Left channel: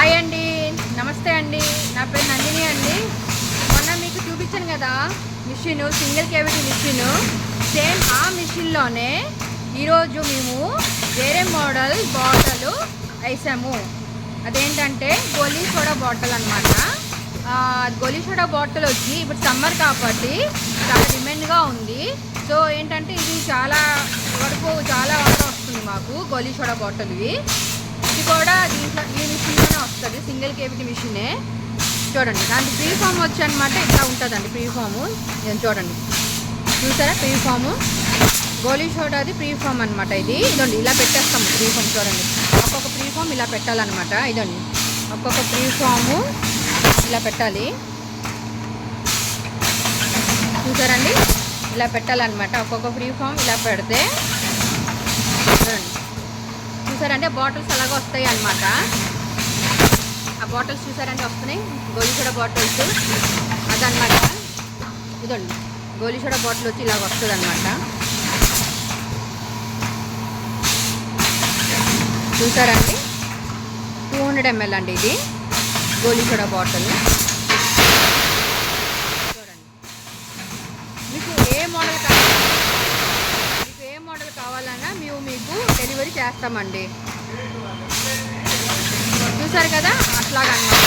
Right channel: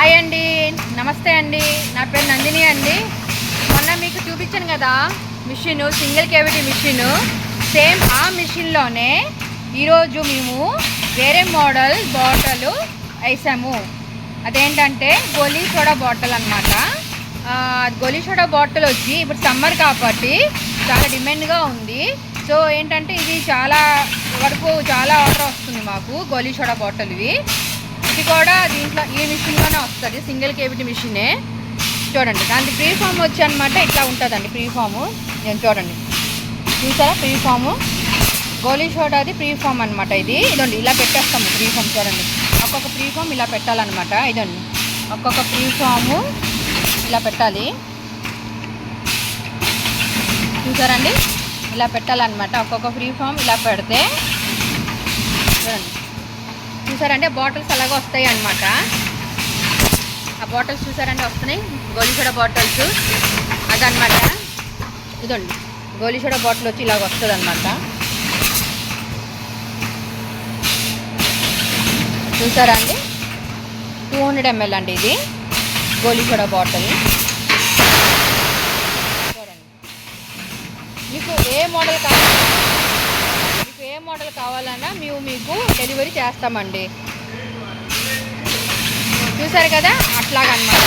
Hi అండి, నమస్తే అండి. నా పేరు నందిని అండి. మొన్న మీకు చూపించాను కదా మిషన్, సింగిల్ కేవిటీ మిషన్. సేమ్ ఆ మిషన్లోనే ఈరోజు మేము వేరే మోడల్ బాటిల్ వేసాము. అదేంటంటే గోలీ సోడా బాటిల్ అనమాట. గోలీ సోడా బాటిల్ వచ్చి ఇప్పుడు సమ్మర్ కాబట్టి చాలా డిమాండ్గా ఉంది. సో ఏంటంటే ఇది చాలా ఆర్డర్ వస్తుంది మాకు గోలీ సోడా బాటిల్. ఇది కూడా దీంట్లో ఈ మిషన్లోనే వస్తుంది, సింగిల్ కేవిటీ మిషనే. చూడండి, దానికి ప్రీ ఫామ్ వచ్చి అనమాట ఇట్లా ఉంటుందండి. ప్రీ ఫాము నేను చూడండి, చూసారా? ప్రీ ఫాము గోలీ సోడాది ప్రీ ఫామ్ అనమాట. ఇదండి ఇలా పెట్టేస్తాము ప్రీ ఫామ్. చూడండి, ఒక్కొక్క ప్రీ ఫామ్ ఇలా పెట్టాలన్నమాట. ఇదండి ఒక్కొక్క ప్రీ ఫాము ఇలా పెట్టాలి. చూసారండి, ఇలా పెట్టాలన్నమాట. ఒక్కొక్క ఫ్రీ ఫామ్ ఇలా పెడితే చూడండి, చూసారంటే బాటిల్స్ అలాగే వస్తాయి అన్నమాట. ఆ బాటిల్స్ చూసారంటే వస్తున్నాయి గోలీ సోడా బాటిల్స్. అదనమాట. ఇదండి గోలీ సోడా బాటిల్ వచ్చి ఇలాగ వస్తుంది అనమాట. చూసారా అండి, 200 ml అండి ఇది గోలీ సోడా బాటిల్. చూడండి, మీకు ఏ మోడల్ కావాలన్నా మేము మీకు డెలివరీ చేస్తామండి. చూసారు కదా, అట్లాగనమాట.